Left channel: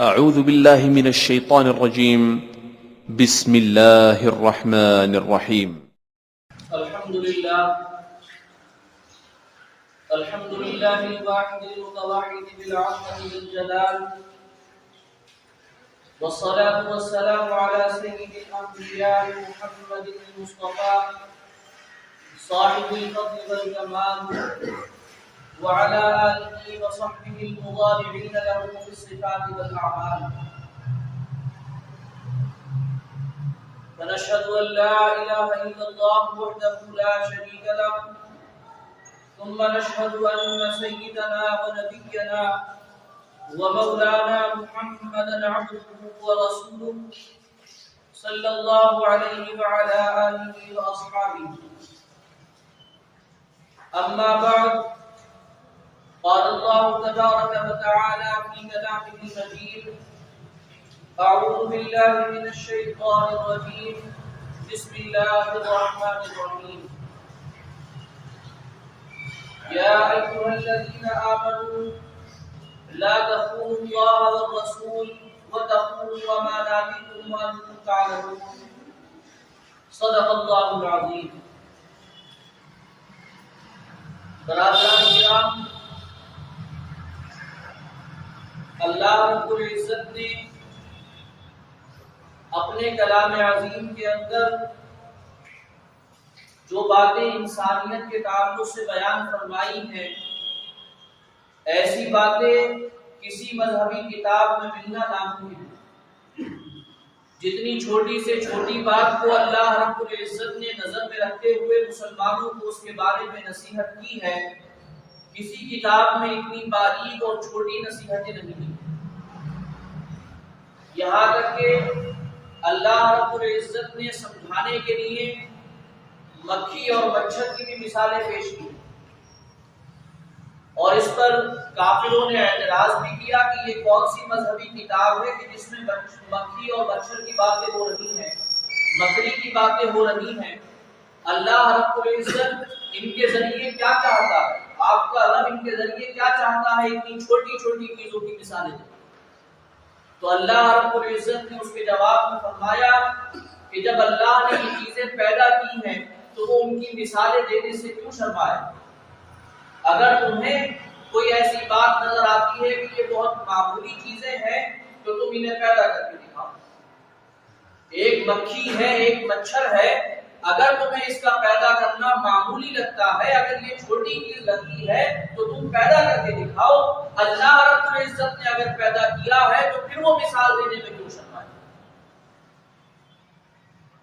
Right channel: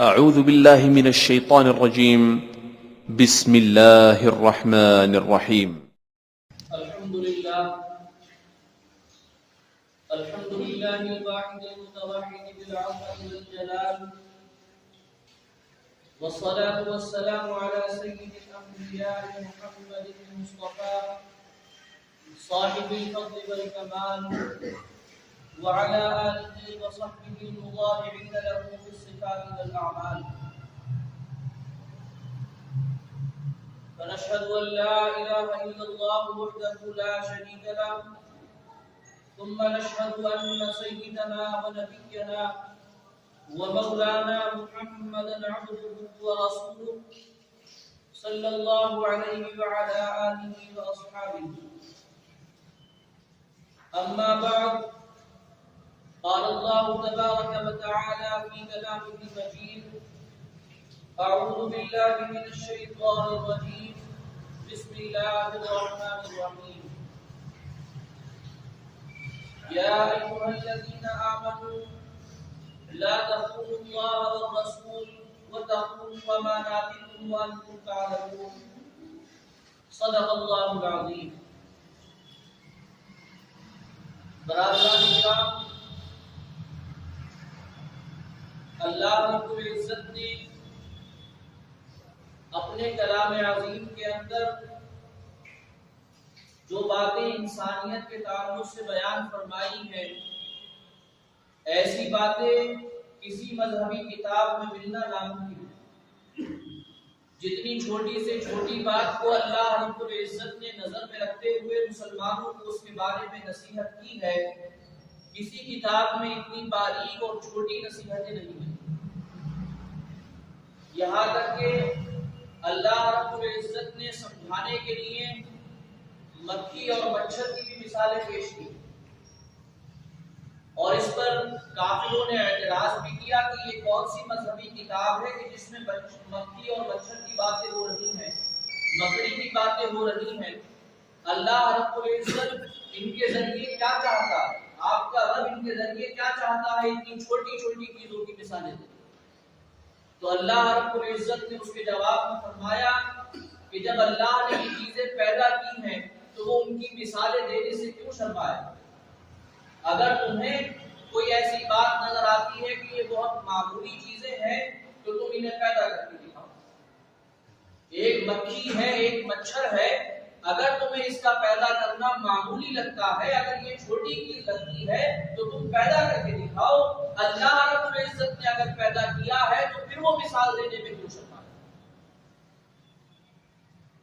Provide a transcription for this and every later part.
أعوذ بالله من الشيطان الرجيم. بسم الله الرحمن الرحيم. الحمد لله الواحد المتوحد بالعظمة والجلال، والصلاة والسلام على سيد الأنبياء محمد المصطفى صاحب الفضل والكمال، وعلى آله وصحبه المضارعين له في الصفات والأعمال. ونشهد أن لا إله إلا الله وحده لا شريك له، ثم نشهد أن سيدنا ونبينا ومولانا محمدا عبده ورسوله صلى الله عليه وعلى آله وأصحابه. أما بعد، قال الله تبارك وتعالى في كلامه المجيد: أعوذ بالله من الشيطان الرجيم، بسم الله الرحمن الرحيم. يا أيها الذين آمنوا لا تخونوا الله والرسول وتخونوا أماناتكم وأنتم تعلمون. صدق الله العظيم. برادران کرام، اللہ رب العزت نے اپنے کلام عظیم کے اندر جو باتیں انسانیت کے تعلق سے بیان فرمائی ہیں، ایسی باتیں کسی مذہبی کتاب میں ملنا ناممکن ہے۔ جتنی چھوٹی سے چھوٹی بات کو اللہ رب العزت نے نظر میں رکھتے ہوئے مسلمانوں کو اس کے بارے میں نصیحت کی ہے، کسی کتاب میں اتنی باریک اور چھوٹی نصیحتیں نہیں ہیں۔ یہاں تک کہ اللہ رب العزت نے سمجھانے کے لیے مکھی اور مچھر کی بھی مثالیں پیش کی، اور اس پر کافروں نے اعتراض بھی کیا کہ یہ کون سی مذہبی کتاب ہے کہ جس میں مکھی اور مچھر کی باتیں ہو رہی ہیں، مکڑی کی باتیں ہو رہی ہیں۔ اللہ رب العزت ان کے ذریعے کیا چاہتا ہے، آپ کا رب ان کے ذریعے کیا چاہتا ہے، اتنی چھوٹی چھوٹی چیزوں کی مثالیں دیں۔ تو اللہ رب العزت نے اس کے جواب میں فرمایا کہ جب اللہ نے یہ چیزیں پیدا کی ہیں تو وہ ان کی مثالیں دینے سے کیوں شرمائے؟ اگر تمہیں کوئی ایسی بات نظر آتی ہے کہ یہ بہت معمولی چیزیں ہیں تو تم انہیں پیدا کر کے دکھاؤ۔ ایک مکھی ہے، ایک مچھر ہے، اگر تمہیں اس کا پیدا کرنا معمولی لگتا ہے، اگر یہ چھوٹی چیز لگتی ہے تو تم پیدا کر کے دکھاؤ۔ اللہ رب العزت نے اگر پیدا کیا ہے تو پھر وہ مثال دینے میں کیوں شرمائے؟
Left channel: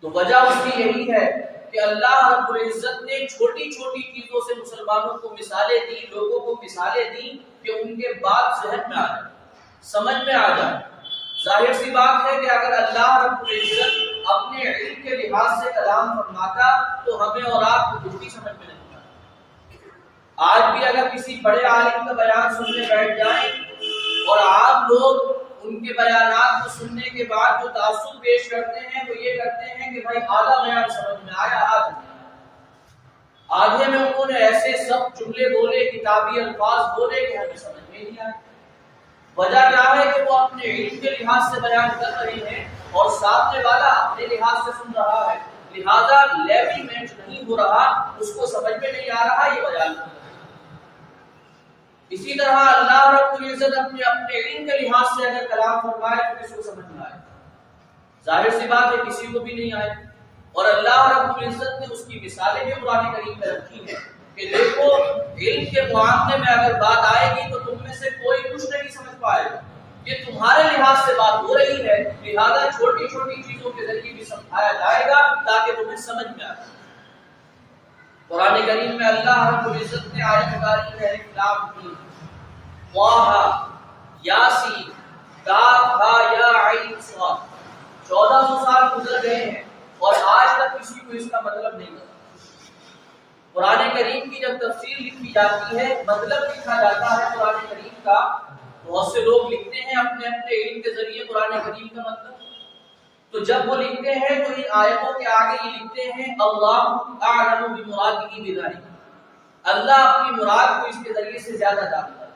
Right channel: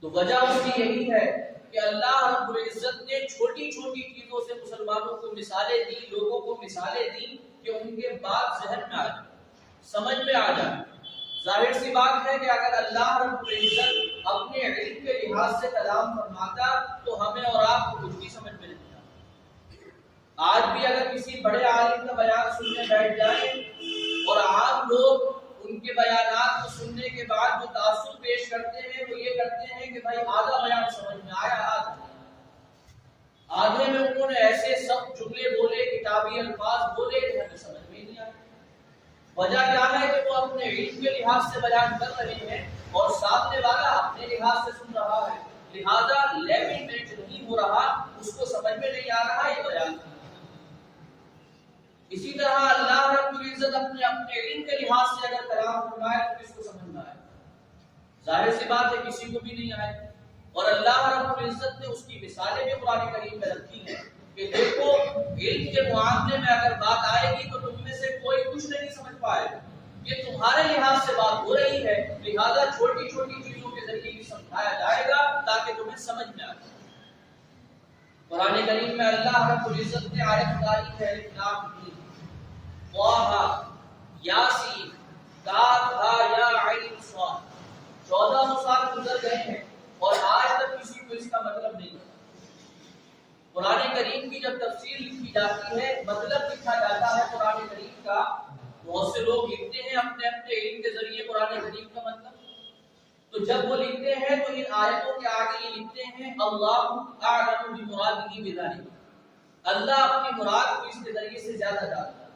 تو وجہ اس کی یہی ہے کہ اللہ رب العزت نے چھوٹی چھوٹی چیزوں سے مسلمانوں کو مثالیں دی، لوگوں کو مثالیں دی کہ ان کے بات ذہن میں آ جائے، سمجھ میں آ جائے۔ ظاہر سی بات ہے کہ اگر اللہ رب العزت اپنے علم کے لحاظ سے کلام فرماتا تو ہمیں اور آپ کو کچھ بھی سمجھ میں نہیں آتا۔ آج بھی اگر کسی بڑے عالم کا بیان سننے بیٹھ جائیں اور عام لوگ ان کے بیانات کو سننے کے بعد جو تاثر پیش کرتے ہیں وہ یہ کرتے ہیں کہ بھائی آدھا بیان سمجھ میں آیا، آدھے میں انہوں نے ایسے سب جملے بولے، کتابی الفاظ بولے کہ ہمیں سمجھ میں نہیں آیا۔ وجہ کیا ہے کہ وہ اپنے علم کے لحاظ سے بیان کر رہے ہیں اور سامنے والا اپنے لحاظ سے سن رہا ہے، لہذا لیول میچ نہیں ہو رہا، اس کو سمجھ میں نہیں آ رہا، یہ بیان کر رہا ہے۔ اسی طرح اللہ رب العزت اپنے علم کے لحاظ سے اگر کلام فرمائے تو کس کو سمجھ میں آئے؟ ظاہر سی بات ہے کسی کو بھی نہیں آئے۔ اور اللہ رب العزت نے اس کی مثالیں بھی قرآن کریم میں رکھی ہیں کہ دیکھو علم کے معاملے میں اگر بات آئے گی تو تم میں سے کوئی کچھ نہیں سمجھ پائے گا، یہ تمہارے لحاظ سے بات ہو رہی ہے، لہذا چھوٹی چھوٹی چیزوں کے ذریعے بھی سمجھایا جائے گا تاکہ تمہیں سمجھ میں آئے۔ قرآن کریم میں اللہ رب العزت نے آیت اتاری ہے کلام کی، طٰہٰ یاسین کاف ہا یا عین صاد۔ 1400 سال گزر گئے ہیں اور آج تک کسی کو اس کا مطلب نہیں پتا۔ قرآن کریم کی جب تفسیر لکھی جاتی ہے، مطلب لکھا جاتا ہے قرآن کریم کا، بہت سے لوگ لکھتے ہیں اپنے علم کے ذریعے قرآن کریم کا مطلب، تو جب وہ لکھتے ہیں تو ان آیتوں کے آگے یہ لکھتے ہیں اللہ اعلم بمرادہ بذلک، اللہ اپنی مراد کو اس کے ذریعے سے زیادہ جانتا ہے۔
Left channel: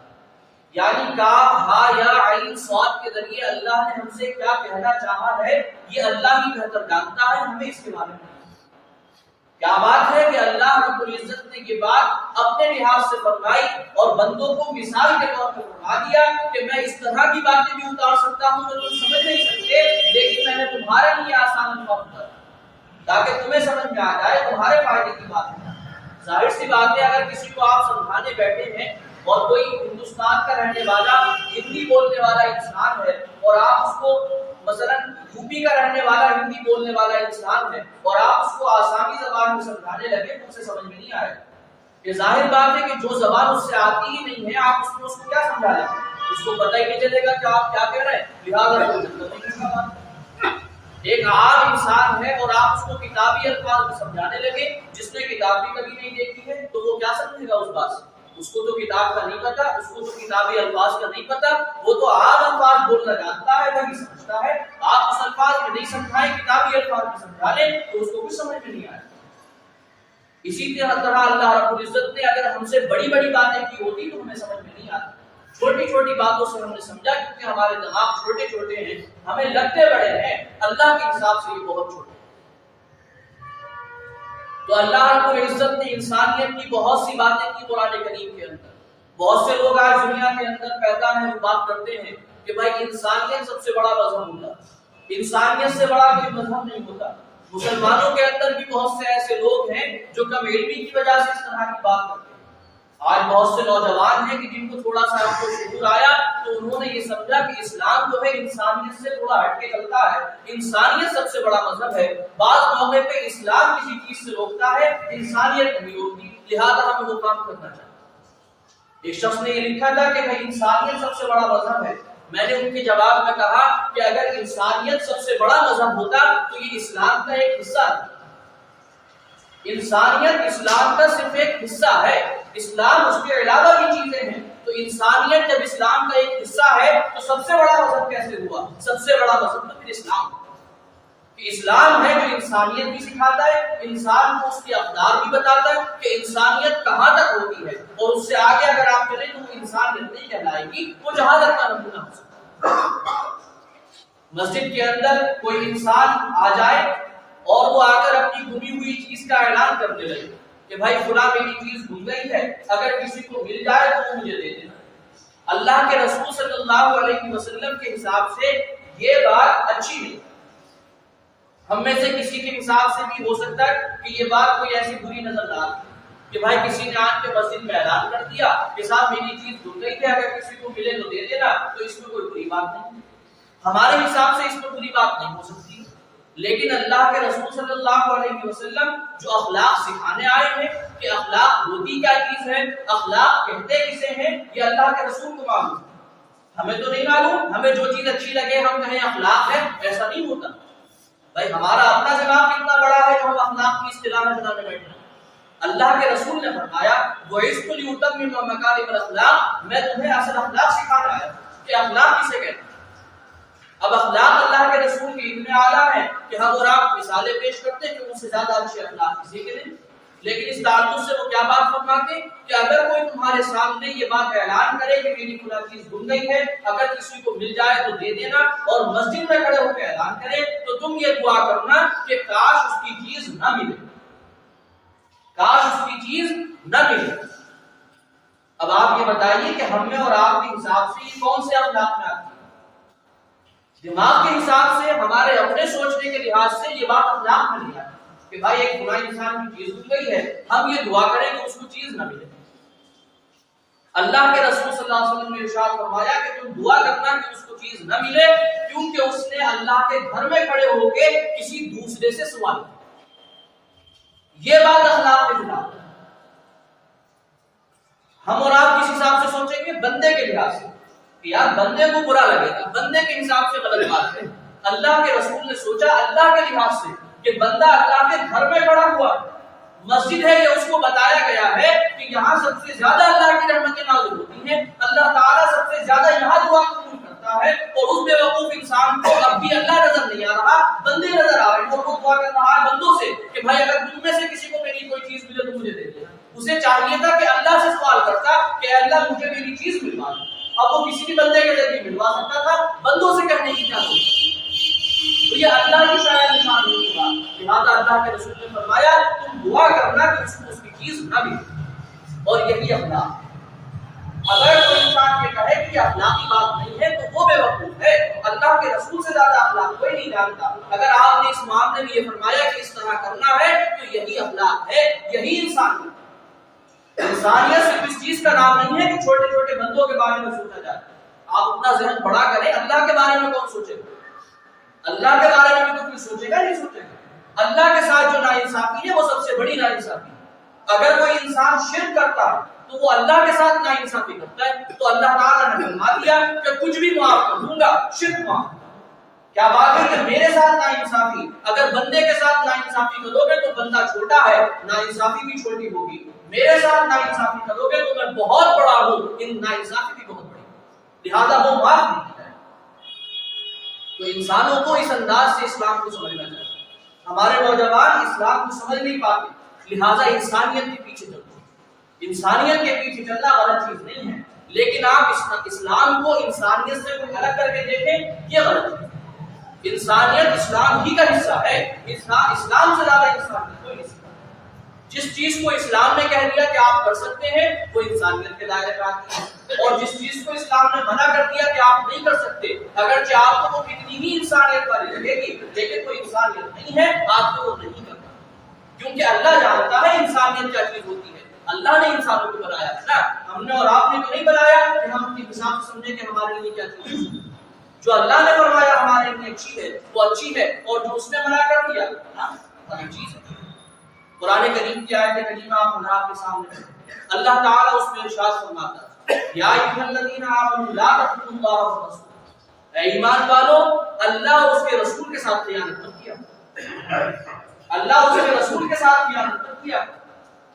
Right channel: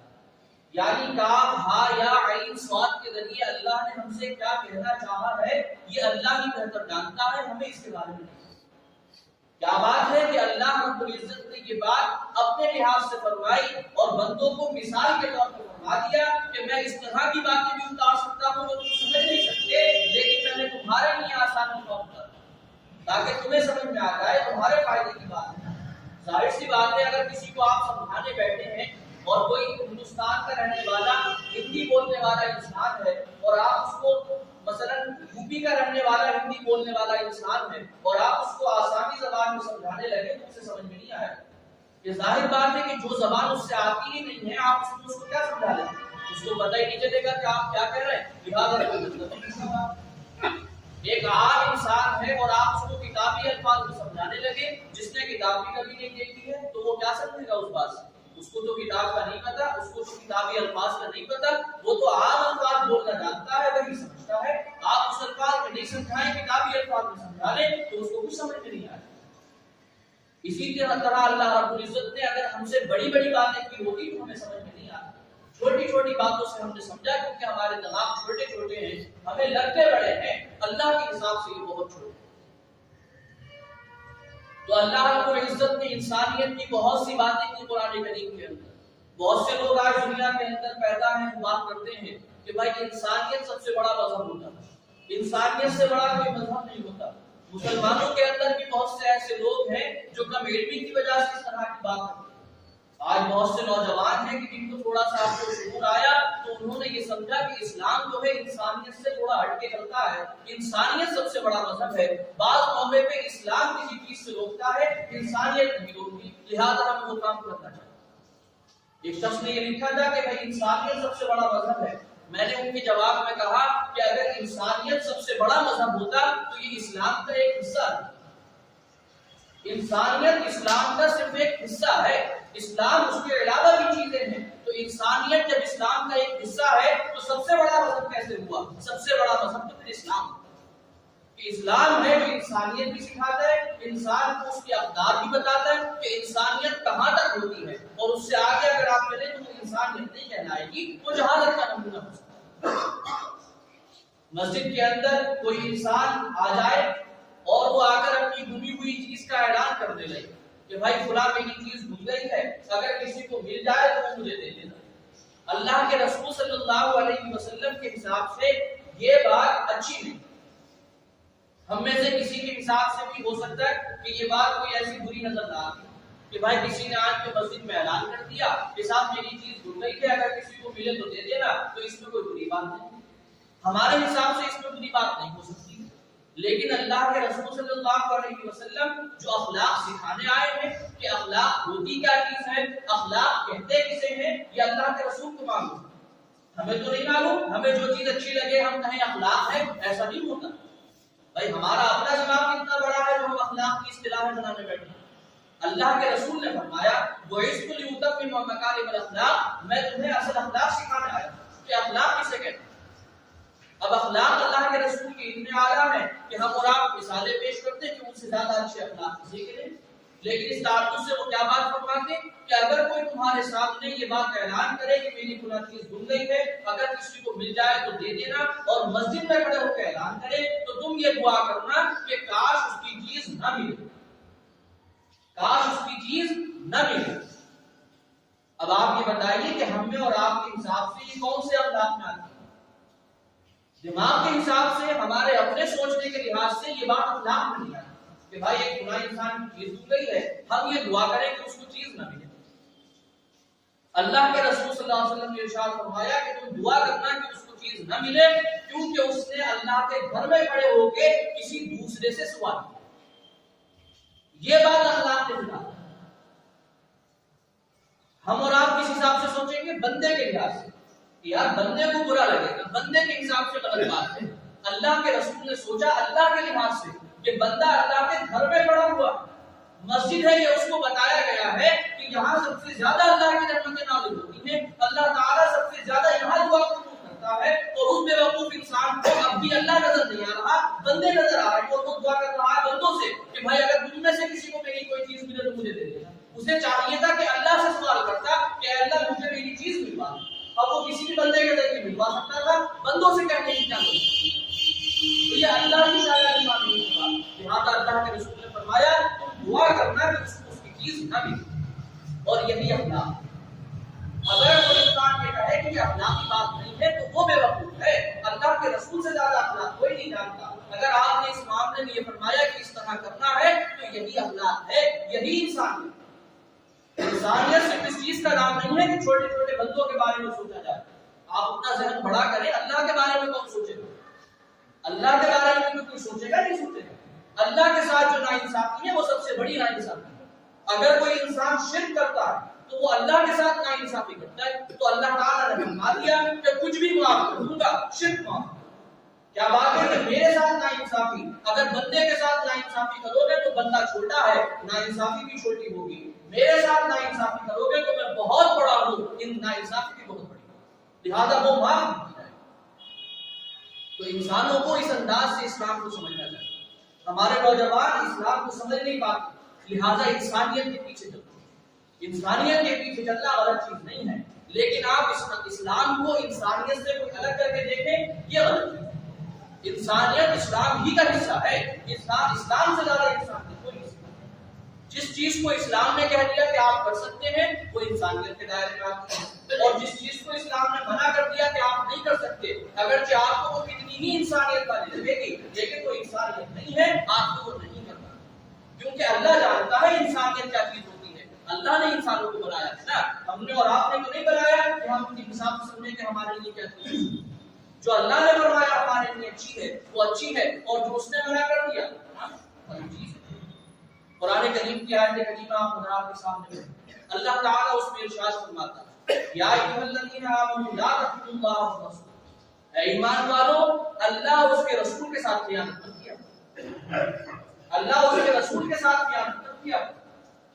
یعنی کاف ہا یا عین صاد کے ذریعے اللہ نے ہم سے کیا کہنا چاہا ہے یہ اللہ ہی بہتر جانتا ہے، ہمیں اس کے بارے میں کیا بات ہے کہ اللہ رب العزت نے یہ بات اپنے لحاظ سے فرمائی اور بندوں کو مثال کے طور پر فرما دیا کہ میں اس طرح کی باتیں بھی اتار سکتا ہوں جو تم سمجھ نہیں سکتے، لیکن میں نے تمہارے لیے آسان الفاظ اتارا تاکہ تمہیں سمجھ میں آ جائے، تمہارے فائدے کی بات ہے۔ ظاہر سی بات ہے اگر کسی کو آپ سمجھانے بیٹھے ہیں اور کوئی ہندوستان کا رہنے والا ہندی بولنے والا انسان ہے اور آپ اس کو مثلا یو پی کا رہنے والا ہندی بولنے والا انسان ہے اور آپ اس کو آسامی زبان میں سمجھانے لگے تو اسے سمجھ میں نہیں آئے گا۔ یہ ظاہر بات ہے کہ جو زبان اس سے آتی ہی نہیں ہے آپ اس کو کیا سمجھا لیں گے، اس کو پتہ ہی نہیں چلے گا کہ آپ کیا کہہ رہے ہیں، لہٰذا کوئی مطلب نہیں اس کا بات۔ ایک عام انسان ہے اور آپ اس کو کتابی الفاظ میں سمجھانے لگے، جس نے کتاب بھی کبھی نہیں دیکھی ہے تو وہ کیا سمجھے گا اس بات سے؟ اس کو تو کتاب کا نہیں پتا، اس کو تو کتابی الفاظ کا نہیں پتا، وہ تو عام الفاظ بولنا جانتا ہے، وہی سمجھتا ہے۔ آپ اس الفاظ میں نہیں سمجھائیں، کتابی الفاظ میں سمجھا لیں تو اس کو کچھ سمجھ میں نہیں آئے۔ اسی طرح اللہ رب العزت نے اگر ہم سے بڑی بڑی باتیں کی ہوتی تو ہمیں سمجھ میں نہیں آتی، چھوٹی چھوٹی باتوں سے ہم نے سمجھا کیونکہ ہمارے دماغ چھوٹے چھوٹے ہیں، ہمیں لگتے بڑے ہیں، اللہ کے حساب سے یہ بہت چھوٹے ہیں۔ تو اللہ رب العزت نے انسانیت کی بہت سی باتیں کی قرآن کریم کے اندر۔ بہت سے لوگ آج دنیا کے اندر پیدا ہیں وہ بات کرتے ہیں کہ بھائی انسانیت سب سے بڑا مذہب ہوتا ہے، انسانیت سے بڑا کوئی مذہب نہیں ہوتا۔ مسلمانوں کے اندر بھی بہت سے ایسے لوگ ہیں جو کم علمی کی وجہ سے اس طرح کی بات کرتے ہیں۔ آج بہت سے نوجوان ہیں کہ جن کو تھوڑا سا آپ کو شعور آیا تو انہوں نے یہ سمجھا کہ اسلام جو ہے انسانیت سے تھوڑا ہٹ کے چلتا ہے، انسانیت سب سے بڑا مذہب ہے۔ بعض موقع پہ اسلام کسی چیز سے روکتا ہے، انسانیت نہیں روکتی، لہذا ہمیں وہ کام کرنا چاہیے۔ ایک شخص نے یہ لکھا تھا کہ بھائی انسانیت سب سے بڑا مذہب ہے۔ میں نے ان کے جواب میں کہا کہ اگر انسانیت سب سے بڑا مذہب ہوتا تو یہ اسلام کا ایک حصہ ہے۔ انسانیت اسلام کا صرف ایک حصہ ہے، اسلام اس کے علاوہ بھی چیزیں ہیں۔ تو انسانیت جب اسلام کا ایک حصہ ہے تو سب سے بڑا مذہب کیسے ہوا؟ سب سے بڑا مذہب تو پھر اسلام کہ اسلام ہے جو انسانیت بھی سکھاتا ہے، انسان کو اس کے اقدار بھی بتاتا ہے کہ انسانیت کہاں تک ہوتی ہے، اور اس سے آگے اگر آپ چلیں تو وہ انسانیت نہیں کہلائے گی، وہ جہالت کا نمونہ ہو سکتا ہے۔ مسجد کے اندر کوئی انسان آ جائے اور وہ آ کر اپنی گمی ہوئی چیز کا اعلان کرنے لگے کہ بھائی فلاں میری چیز گم گئی ہے، اگر کسی کو مل جائے تو وہ مجھے دے دینا۔ اللہ کے رسول صلی اللہ علیہ وسلم کے حساب سے یہ بات اچھی نہیں۔ ہم میں سے کسی کے حساب سے بھی ہو سکتا ہے کہ یہ بات کوئی ایسی بری نظر نہ آتی کہ بھائی کسی نے آج کے مسجد میں اعلان کر دیا کہ صاحب میری چیز گم گئی ہے، اگر کسی کو ملے تو دے دینا، تو اس میں کوئی بری بات نہیں۔ ہمارے حساب سے اس میں بری بات نہیں ہو سکتی، لیکن اللہ کے رسول صلی اللہ علیہ وسلم جو اخلاق سکھانے آئے ہیں کہ اخلاق ہوتی کیا چیز ہے، اخلاق کہتے کسے ہیں، یہ اللہ کے رسول کو معلوم ہے، ہمیں تو نہیں معلوم۔ ہمیں جو چیز اچھی لگے ہم کہیں اخلاق ہے، ایسا نہیں ہوتا۔ بھائی ہمارا اپنا دماغ کتنا بڑا ہے جو ہم اخلاق کی اصطلاح بنانے بیٹھے ہیں۔ اللہ کے رسول نے فرمایا وَعِزْتُ لِأُتَمِّمَ مَكَارِمَ الْأَخْلَاقِ، میں تمہیں اصل اخلاق سکھانا آیا کہ اخلاق کسے کہتے ہیں۔ اب اخلاق اللہ کے رسول کے اتنے اعلیٰ ہیں کہ ہم اور آپ مثالیں پیش کرتے ہیں کہ ان سے زیادہ اچھے اخلاق کسی کے نہیں، لیکن اس تعلق سے وہ کیا بات فرماتے کہ اگر کوئی تمہارے سامنے یہ بات اعلان کرے کہ میری فلاں چیز گم گئی ہے، اگر کسی کو مل جائے تو دے دینا، اور مسجد میں کھڑے ہو کے اعلان کرے تو تم یہ دعا کرنا کہ کاش اس کی چیز نہ ملے، کاش اس کی چیز نہ ملے۔ اب آپ یہ بتائیے کہ ہم میں اور آپ کے حساب سے یہ کون سے اخلاق میں آتی ہے؟ دماغ کے حساب سے، ہمارے اپنے سوچنے کے لحاظ سے یہ بات اخلاق میں نہیں آتی کہ بھائی ایک فلاں انسان کی چیز گم گئی ہے، ہم یہ دعا کریں کہ اس کو چیز نہ ملے۔ اللہ کے رسول صلی اللہ علیہ وسلم نے ارشاد فرمایا کہ تم دعا کرنا کہ اس کو چیز نہ ملے کیونکہ اس نے اللہ کے گھر میں کھڑے ہو کے کسی دوسرے سے سوال کیا۔ یہ بات اخلاق کے خلاف ہے۔ ہم اور آپ کس حساب سے سوچیں گے؟ بندے کے لحاظ سے کہ یار بندے کو برا لگے گا، بندے کے حساب سے غلط بات ہے۔ اللہ کے رسول نے سوچا اللہ کے لحاظ سے کہ بندہ اللہ کے گھر میں کھڑا ہوا، مسجد ہے، یہ اس کو بتایا گیا ہے کہ یہاں سب سے زیادہ اللہ کی رحمتیں نازل ہوتی ہیں، اللہ تعالیٰ سب سے زیادہ یہاں دعا قبول کرتا ہے، اور اس بے وقوف انسان کو اب بھی اللہ نظر نہیں آ رہا، بندے نظر آ رہے ہیں، اور وہ دعا کر رہا ہے بندوں سے کہ بھائی اگر تم میں سے کسی کو میری کوئی چیز ملے تو مجھے دے دینا۔ اسے چاہیے تھا کہ اللہ سے سوال کرتا کہ اللہ مجھے میری چیز ملوا دے۔ اب وہ کسی بھی بندے کے ذریعے ملوا سکتا تھا، بندوں سے کہنے کی کیا ضرورت؟ تو یہ اللہ کی شاید نشان نہیں ہوگا، لہٰذا اللہ کے رسول نے فرمایا تم دعا کرنا کہ اس کو اس کی چیز نہ بھی، اور یہی اخلاق۔ اگر کوئی انسان یہ کہے کہ یہ اخلاقی بات نہیں ہے تو وہ بے وقوف ہے، اللہ کے رسول سے زیادہ اخلاق کوئی نہیں جانتا۔ اگر آپ نے اس معاملے میں یہ فرمایا کہ اس طرح کرنا ہے تو یہی اخلاق ہے، یہی انسانیت۔ انسانیت صرف اس چیز کا نام نہیں ہے کہ چھوٹے چھوٹے بندوں کے بارے میں سوچا جائے۔ آپ اپنا ذہن بڑا کریں، اللہ کے بارے میں کون سوچے گا؟ اللہ کے بارے میں بھی تو کوئی سوچے گا نہیں سوچے گا۔ اللہ کے ساتھ جو ناانصافی ہے وہ سب سے بڑی ناانصافی ہے۔ اگر کوئی انسان شرک کرتا ہے تو وہ اللہ کے ساتھ ناانصافی کرتا ہے، تو اللہ تعالیٰ نے فرما دیا کہ کچھ بھی معاف کر دوں گا، شرک معاف۔ کیا بات ہے کہ میرے ساتھ ناانصافی، اگر بندے کے ساتھ ناانصافی کرو گے تو بندہ چھوٹا ہے، ناانصافی بھی چھوٹی ہوگی۔ میرے ساتھ ناانصافی کرو گے تو میں بہت بڑا ہوں، ان ناانصافی بھی بہت بڑی، لہذا وہ معاف نہیں کیا ہے۔ تو انسانوں کو اس انداز سے اسلام کو سمجھنا چاہیے۔ ہمارے نوجوان اسلام کو سمجھ نہیں پاتے، لہذا انسانیت کے پیچھے چلتے ہیں۔ انسانیت کے پیچھے چلنا غلط چیز نہیں ہے، لیکن آپ اسلام کو انسانیت سے کوئی الگ کر کے دیکھیں، یہ غلط ہے۔ انسانیت اسلام ہی کا حصہ ہے، اسلام سے زیادہ انسانیت کوئی نہیں۔ جس چیز کو اسلام نے کہہ دیا کہ آپ کر سکتے ہیں وہ انسانیت کے دائرے میں آتی ہے، اور جس چیز کو اسلام نے منع کر دیا کہ آپ نہیں کر سکتے، اگرچہ آپ کو وہ کتنی بھی انسانیت والی لگے گی لیکن کوئی انسانیت نہیں ہے، آپ کو وہ نہیں کرنا، کیونکہ اللہ جانتا ہے انسانیت کیا چیز ہوتی ہے۔ اللہ نے انسانوں کو بنایا ہے نا، ہم نے اور آپ نے تو نہیں بنایا کہ ہم اپنی حساب سے سمجھیں کہ ہمارے لیے کیا چیز ہے۔ جو اللہ نے فرمایا ہمارے لیے اچھی ہے وہ اچھی ہے، اور جو اس نے منع کر دیا وہی چیز ہے۔ قرآن کریم کی آیت کریمہ آپ حضرات کے سامنے ہے، اللہ تعالیٰ اس میں ارشاد فرماتا ہے یا ایھا الذین آمنوا لا تخونوا اللہ والرسول، اے ایمان والو اللہ اور اس کے رسول کے ساتھ خیانت مت کیا، اللہ اور اس کے رسول کے ساتھ خیانت مت کیا۔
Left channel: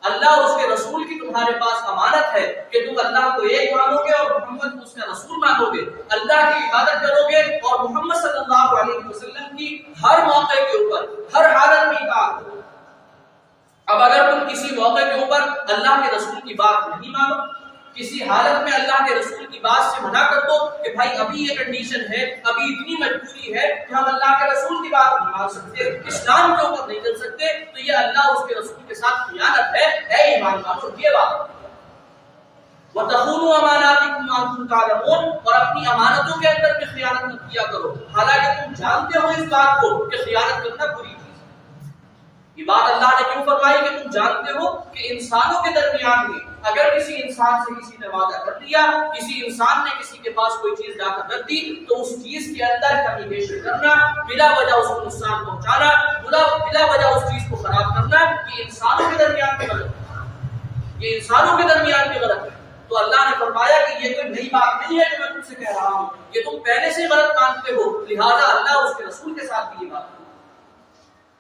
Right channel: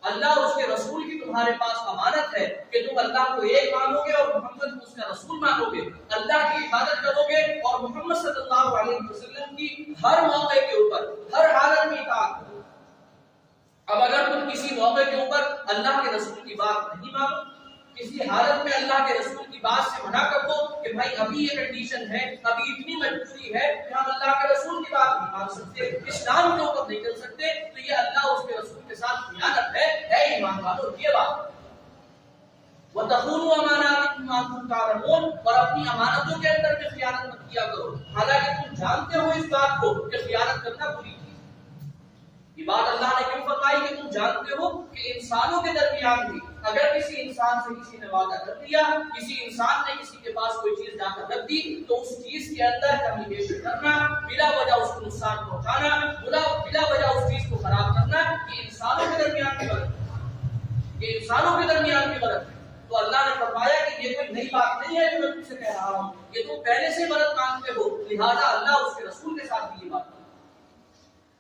اللہ اور اس کے رسول کی تمہارے پاس امانت ہے کہ تم اللہ کو ایک مانو گے اور محمد کو اس کا رسول مانو گے، اللہ کی عبادت کرو گے اور محمد صلی اللہ علیہ وسلم کی ہر موقع کے اوپر ہر حالت میں اطاعت کرو۔ اب اگر تم کسی موقع کے اوپر اللہ کے رسول کی بات نہیں مانو، کسی حالت میں اللہ کے رسول کی بات سے منع کر دو کہ بھائی ابھی یہ کنڈیشن ہے، ابھی اتنی مجبوری ہے کہ ہم اللہ کے رسول کی بات نہیں مان سکتے، اسلام کے اوپر نہیں چل سکتے، تو یہ اللہ اس کے رسول کے ساتھ خیانت ہے۔ اے ایمان والو یہ بات وَتَخُونُوا أَمَانَاتِكُمْ وَأَنْتُمْ تَعْلَمُونَ، اور اپنی امانتوں کے اندر بھی خیانت مت کیا کرو حالانکہ تم جانتے ہو اس بات کو کہ خیانت کرنا بری چیز ہے۔ یہ بات اللہ نے کیوں فرمائی کہ تم جانتے ہو کہ انسانوں کے درمیان بھی اگر کسی انسان سے کسی نے وعدہ کر لیا، کسی انسان نے کسی کے پاس کوئی چیز جا کر رکھ دی، تو اس چیز کے اندر کمی بیشی کرنا، بلا وجہ اس کو نقصان پہنچانا، بلا وجہ اس چیز کو خراب کرنا، یہ انسانوں کے درمیان بھی غلط ہے، یہ انسانوں کے درمیان بھی غلط ہے۔ تو اللہ نے فرمایا کہ یہ کوئی نئی بات نہیں ہے جو میں تم سے کہہ رہا ہوں، یہ تم پہلے سے غلط مانتے ہو، لہذا اللہ اس کے رسول کے ساتھ بھی یہ بات۔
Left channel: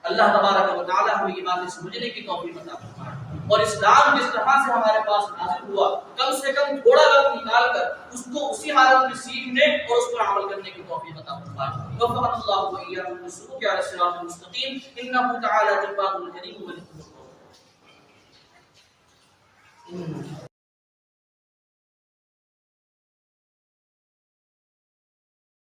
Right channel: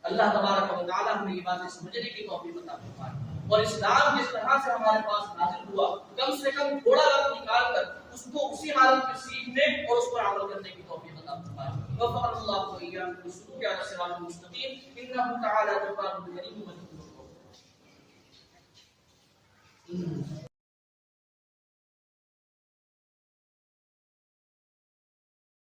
اللہ تبارک و تعالی ہمیں یہ باتیں سمجھنے کی توفیق عطا فرمائے، اور اسلام جس طرح سے ہمارے پاس نازل ہوا کم سے کم تھوڑا وقت نکال کر اس کو اسی حالت میں سیکھنے اور اس پر عمل کرنے کی توفیق عطا فرمائے۔ وفقنا اللہ وإياكم للسلوك على الصراط المستقيم إنه تعالى جواد كريم مجيد۔